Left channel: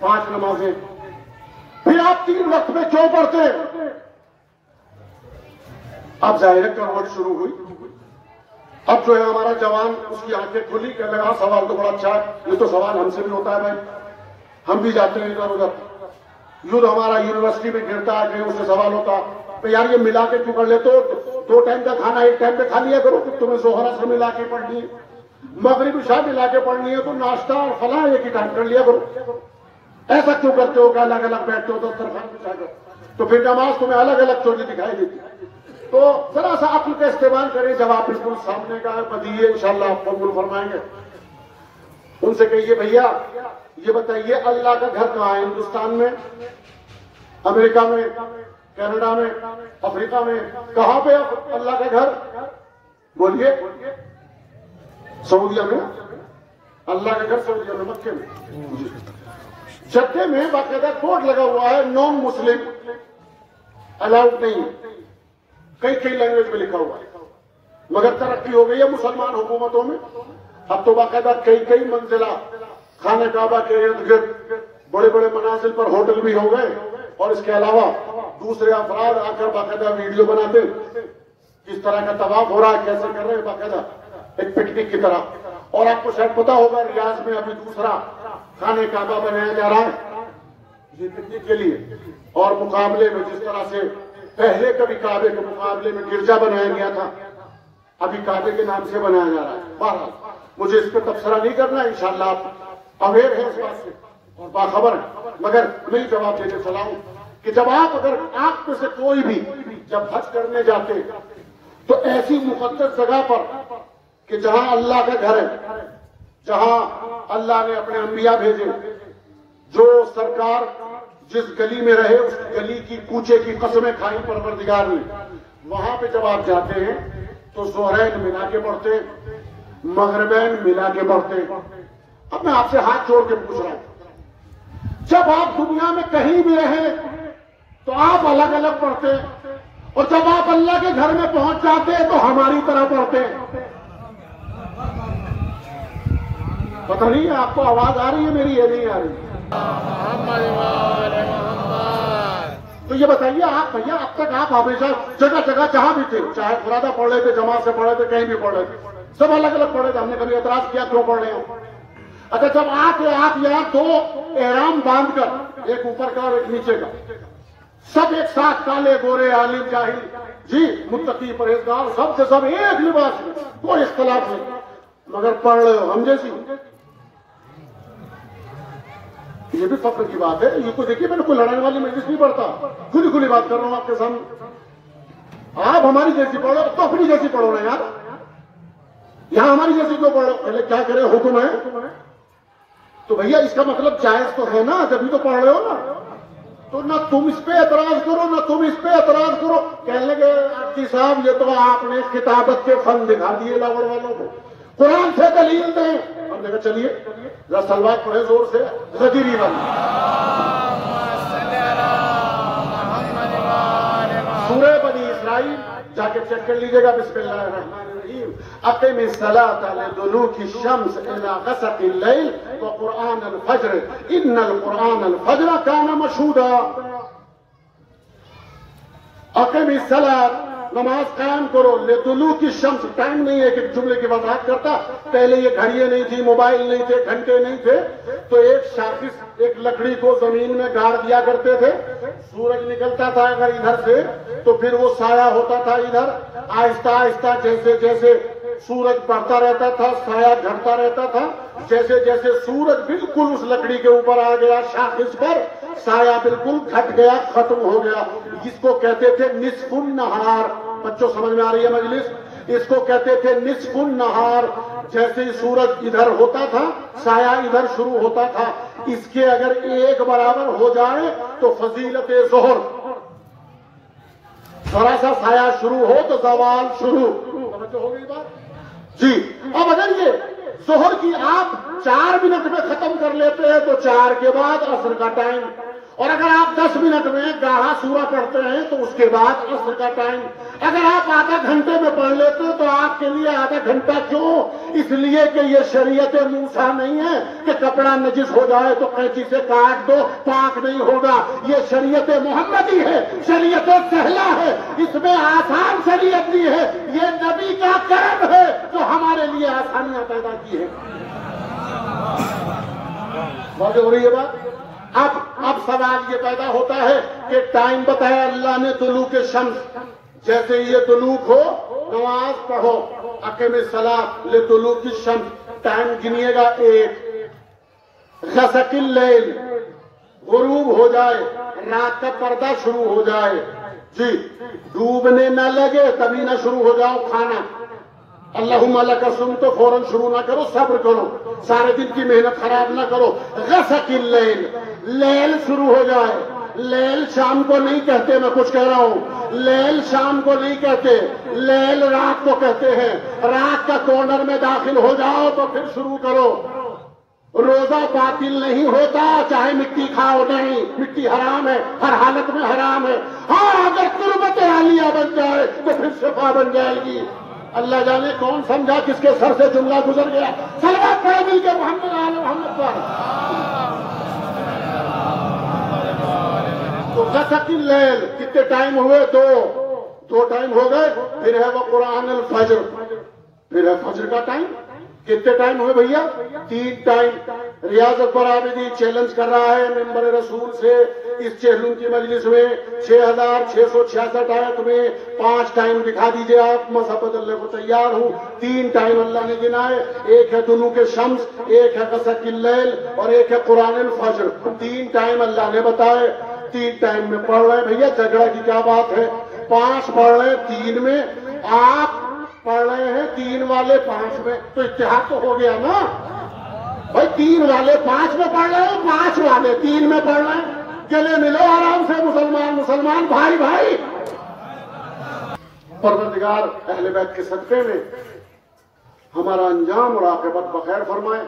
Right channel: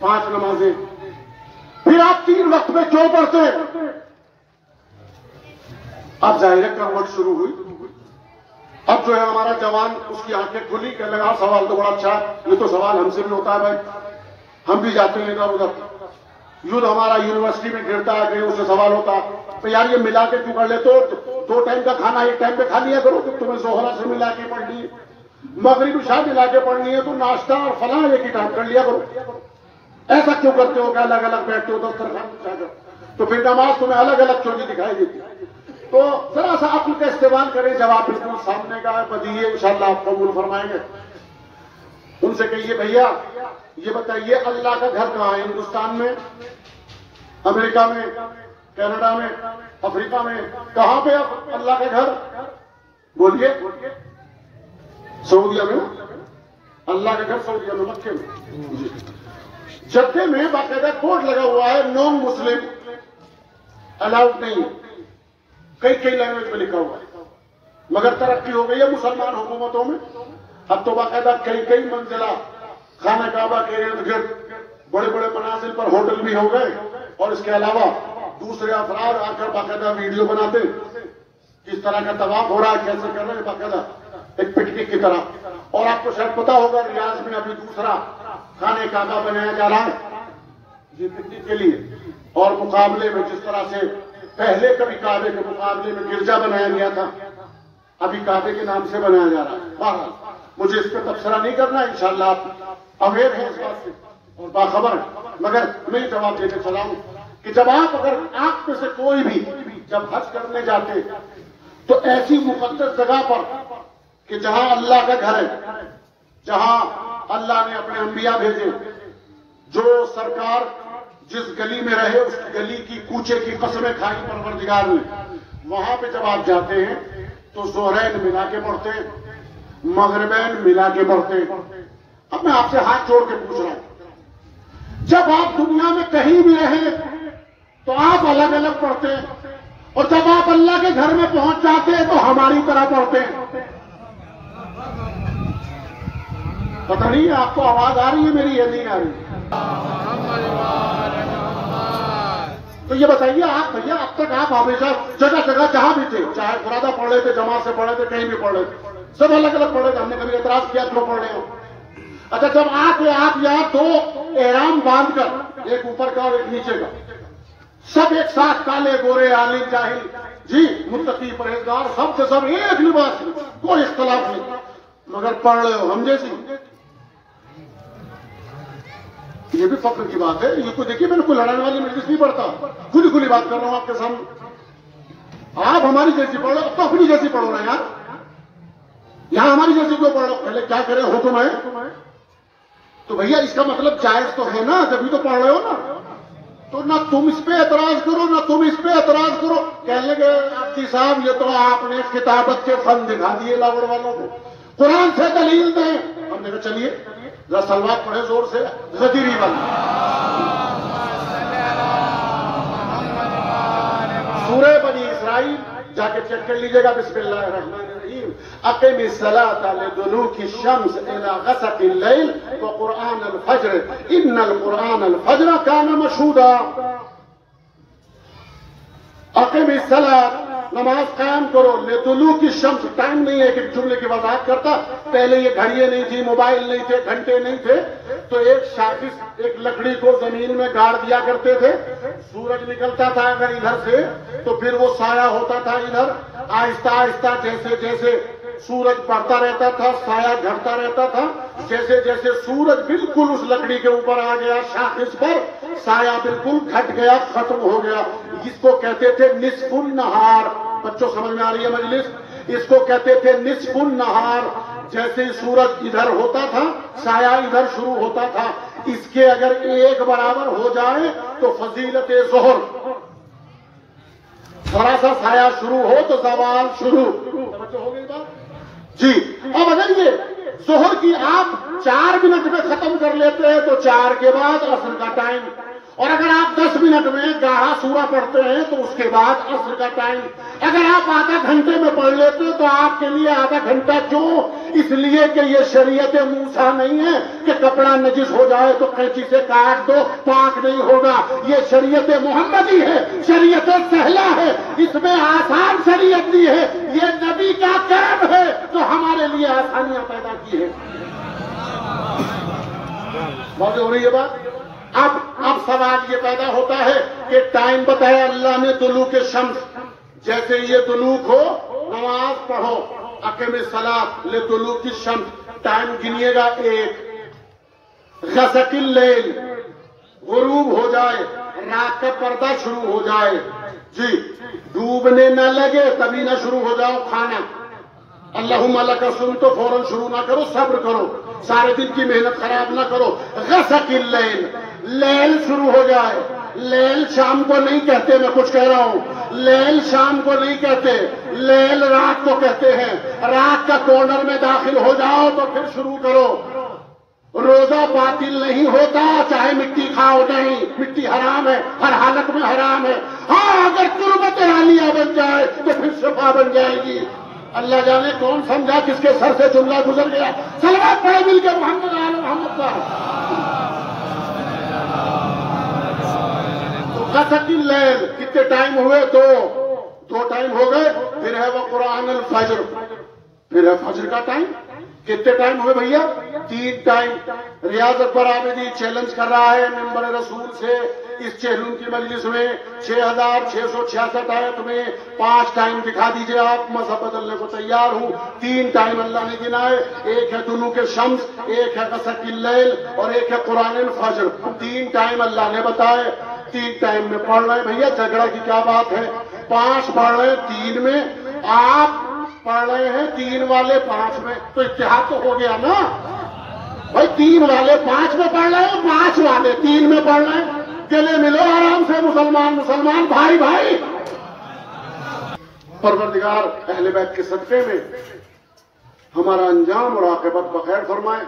5 नमाजें, फिर आप 3 वक्त में क्यों पढ़ते? अब जाहिर है करवट शुरू हुई। अब जो है हमारा जवान, उसकी आंखें खुली, कहने लगा सवाल तो बड़ा अच्छा है, ये तो सवाल हमसे भी होता है भाई, हम भी जाते हैं इधर उधर, युद्ध हमारा यूनिवर्सिटी में गिरता है, कहीं उससे सवाल होता है, तो यार ये मिला के क्यों कर लेते हो? 2 टाइम का खाना 1 टाइम पे खा लिया करो, तुम्हें जोहरा से मिला के पढ़नी है, मगरिब इशा मिला के पढ़नी है, तो नाश्ता और फलां एक ही टाइम कर लिया करो। ऐसा क्यों करते हो कि अलग अलग बैठते हो दस्तरखान बिछाकर? तो फिर नमाज तुम्हें अलग अलग क्यों नहीं दिखाई देती? तो जरा सा अक्ल का इस्तेमाल करें, जवाब बिल्कुल सामने का है, बदीए इंशाअल्लाह आप कबूल फरमाएंगे। उनसे कहिए भैया ये बताइए अल्लाह का घर कहाँ है? हिंदुस्तान में, अमेरिका में, कनाडा में, अफ्रीका में, कहां पे अल्लाह का घर? बोलिए। सऊदीया में अल्लाह का घर, सऊदीया में, मक्के में, जद्दे में बाकायदा बोर्ड लगा हुआ है नॉन मुस्लिम अलाउड नहीं, कई लैंग्वेज में लिखा हुआ है, मगर तरक्की हो गई है मुसलमान हुकूमतों में। अब तो बाकायदा कई मंजिला खाना काबा के इर्द गिर्द बड़े बड़े मनाजिल पर होटल भी हो गए, और इसके अलावा दूसरे अफराद आकर बाकायदा वीडियो बनाते, किस तरह का तवाफ हो रहा है, कैसे कर रहे हैं, बाकायदा एक पिकनिक की तरह। और आपको शायद पता होगा रियाज में अभी दूसरा खाने काबा बनाया जा रहा है ये पिकनिक के लिए, और मुकाबले में जिस तरह से पहले कभी काबे के मुकाबले में गिरजा बनाया गया था, अभी काबे के नाम से बनाया जा रहा है। बहरहाल मुझे इस पर तबसरा नहीं करना, इंशाअल्लाह आप अवेयर है इस बात से और बाखबर है, मगर मैं जवाब देकर चला हूं कि जब अगर आप में से कोई भी जब हज करने जाते तो ऐसी मुकद्दस जगह पर कि जहां अल्लाह का घर है, जहां अल्लाह ने अपने अंबिया भेजे, जो सरकार जिस गली में रहे उस गली की कूचे की कसमें खाई परवरदिगार ने, वहां पे जब आप जाते हैं तो ज़ोहरैन मिला के पढ़ते हैं, मगरिबैन मिला के पढ़ते हैं। अब मैं आपसे हाथ जोड़ के पूछ रहा हूं, जब आप दुनिया में कहीं भी रहे तो आप अलग अलग पढ़ते हैं, और जब आप अल्लाह के घर में पहुंच जाते हैं तो हमारी तरह पढ़ते हैं। पता नहीं आपको आवाज आ रही है मेरी या नहीं आ रही? तो ये बताइए आप भैया, अब तक आप हमेशा जगह जगह जहां भी थे, चाहे खुरादा पढ़ रहे थे, जमात से पढ़ रहे थे, कहीं भी पढ़ रहे थे, सब अलग अलग पढ़ रहे थे, हमने कभी एतराज किया क्यों पढ़ रहे हो? अच्छा जब आप यहाँ 2 एहराम बांधकर, एक ऊपर का और एक नीचे का, सब एक साथ, काले गोरे आलिम जाहिल जी, मुत्तकी परहेजगार, सब के सब एक लिबास में, कोई इख्तलाफ नहीं, मगर पढ़ रहे हो हम जैसी। ये भी फक्र की बात है। ये कोई देखिए, मैंने कोई लड़ाने वाली मजलिस नहीं पढ़ता, खुली बात कर रहा हूं आपके सामने। आप हमारी जैसी पढ़ो, अब तो अपनी जैसी पढ़ो ना यार, यहां हमारी जैसी क्यों पढ़ो? पहले क्या करें, हुक्म है तो भैया इसका मतलब जायज तो है ना, जब भी तो पढ़ रहे हो ना, तो ना तुम इस पे एतराज करो ना तुम इस पे एतराज करो। कहने लगे आपकी साहब ये तो आपने किताबत के फन दिखा दिए लावड़ वालों को, कुरान से दलील दें। हमने कहा चलिए जरा सलवात पढ़े जोर से, गदीरी वाली सूरह बनी इस्राइल जाके चेक कर लीजिएगा। बिस्मिल्लाहिर्रहमानिर्रहीम। अक़िमिस सलाता लिदुलूकी शम्स इला ग़सक़िल लैल व क़ुरआनल फ़ज्र इन्नल क़ुरआनल फ़ज्र कान मशहूदा। अक़िमिस सलात, नमाज कायम करो, लिदुलूकी शम्स, टाइम नहीं है कि जुमले की वजाहत करता। पहले ये घड़ियां नहीं थी, मोबाइल नहीं थे, घंटे नहीं थे, तो एक शाखिस, एक लकड़ी को जमीन में गाड़ दिया करते थे, सूरज निकलता था अगर इधर से तो फिर वो साया होता था इधर। आहिस्ता आहिस्ता जैसे जैसे सूरज बढ़ता रहता था, साया घटता रहता था। जैसे जैसे सूरज बिल्कुल उस लकड़ी के ऊपर आ गया शाखिस पर, साया बिल्कुल घट गया, खत्म हो गया। इसको कहते थे निस्फुन नहार। बच्चों समझ में आ रही है मजलिस? इसको कहते थे निस्फुन नहार। जैसे ही सूरज इधर होता था, साया इधर शुरू होता था। इसके अगर एक बराबर हो जाए तो फजीलत ज़ोहर, थोड़ा सा साया शुरू हो तो सवाल शुरू। समझ हो गई बात जी? अब अगर ये जोहर की आप 4 मिनट में खत्म कर लेते हैं तो 4 के बाद असर का टाइम, और अगर आप 10 मिनट में गाढ़ा सूरा पढ़ते हैं तो उसके बाद असर का टाइम अगर आप आधा घंटे में पढ़ लेते हैं तो आपके लिए आधा घंटा क्यों? इसलिए कि ये शरीयत मूसा नहीं है कि कपड़ा नजिस हो जाए तो कैंची से काट दो, पाक नहीं होगा। ये शरीयत मोहम्मदी है, शरीयत सहला है, इसमें आसान शरीयत दी है। ये नबी का करम है तो हमारे लिए आसानियां पैदा की है। बात हो रही है बात। अब सवाल ये पैदा होता है कि टाइम बताया अल्लाह ने दुलूक शम्स, जैसे ये दुलूक हो नमाज पढ़ो, अक़ीम सलात ले दुलूक शम्स, टाइम गिनिएगा 1, ग़सक़िल लैल गुरूब हो जाए, रात का पर्दा शुरू हो जाए, जी डूबने न लगे तभी ना शुरू हो जाओ खाना। अल्लाहुम्मा लका सुम तो फौरन शुरू ना करो, सब्र करो, सारे दिन की मेहनत खराब ना करो। ग़सक़िल लैल, लैल शुरू हो जाए। लैल शाम को नहीं कहते, मैं कुछ कह रहा हूं, लैल शाम को नहीं कहते, लैल रात को कहते हैं। रात का कॉर्नर में दाखिल हो जाओ तो फिर शुरू करो। रोजा बातिल नहीं होता चाहे मिट्टी खाओ, नहीं, मिट्टी हराम है, हर हालत में हराम है। हाँ, अगर तुरबत आलिया बन जाए तो फिर शिफा बन जाएगी। अल्लाह जाने कौन समझा किसके सर से जुमला गुजर गया। सलावत पढ़े मिलकर मोहम्मद आले मोहम्मद का। तो ग़सक़िल लैल कितने टाइम हुए? 2 टाइम हो गए। फिर है वो कुरान अल फज्र, फिर है फज्र का टाइम। कितने टाइम हुए भैया? 3 टाइम। रियाज अकबर आबिदी चैलेंज कर रहा है मेंबर रसूल से इस चेहलूम की मजलिस में 6666 आयत में 5 टाइम दिखा दीजिए आप, मज़हब बदलने को तैयार हूं। 3 टाइम अल्लाह ने गिनाए, एक है दुलूक शम्स, एक है ग़सक़िल लैल और एक है कुरान अल फज्र। 3 टाइम अल्लाह ने बताए। 3 टाइम में पढ़ रहे भैया, झगड़ा की क्या बात है? 5 पढ़ रहे 3 में, आप पढ़ रहे हैं 3 वाले 5 में, तो इत्तेहाद तो हो गया ना भाई। 3 वाले 5 में पढ़ रहे हैं, 5 वाले 3 में पढ़ रहे हैं। गले मिलो आराम से मुसलमान भाई भाई। परवरदिगार अहले बैत के सदक़े में हमारा अंजाम और आक़िबत बखैर फरमाए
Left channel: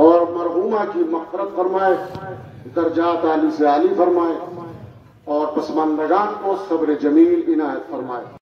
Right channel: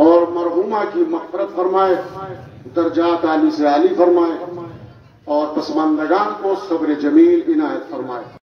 और मरहूमा की मग़फ़िरत फरमाए, दर्जात आली से आली फरमाए और पसमानदगान को सब्र जमील इनायत फरमाए।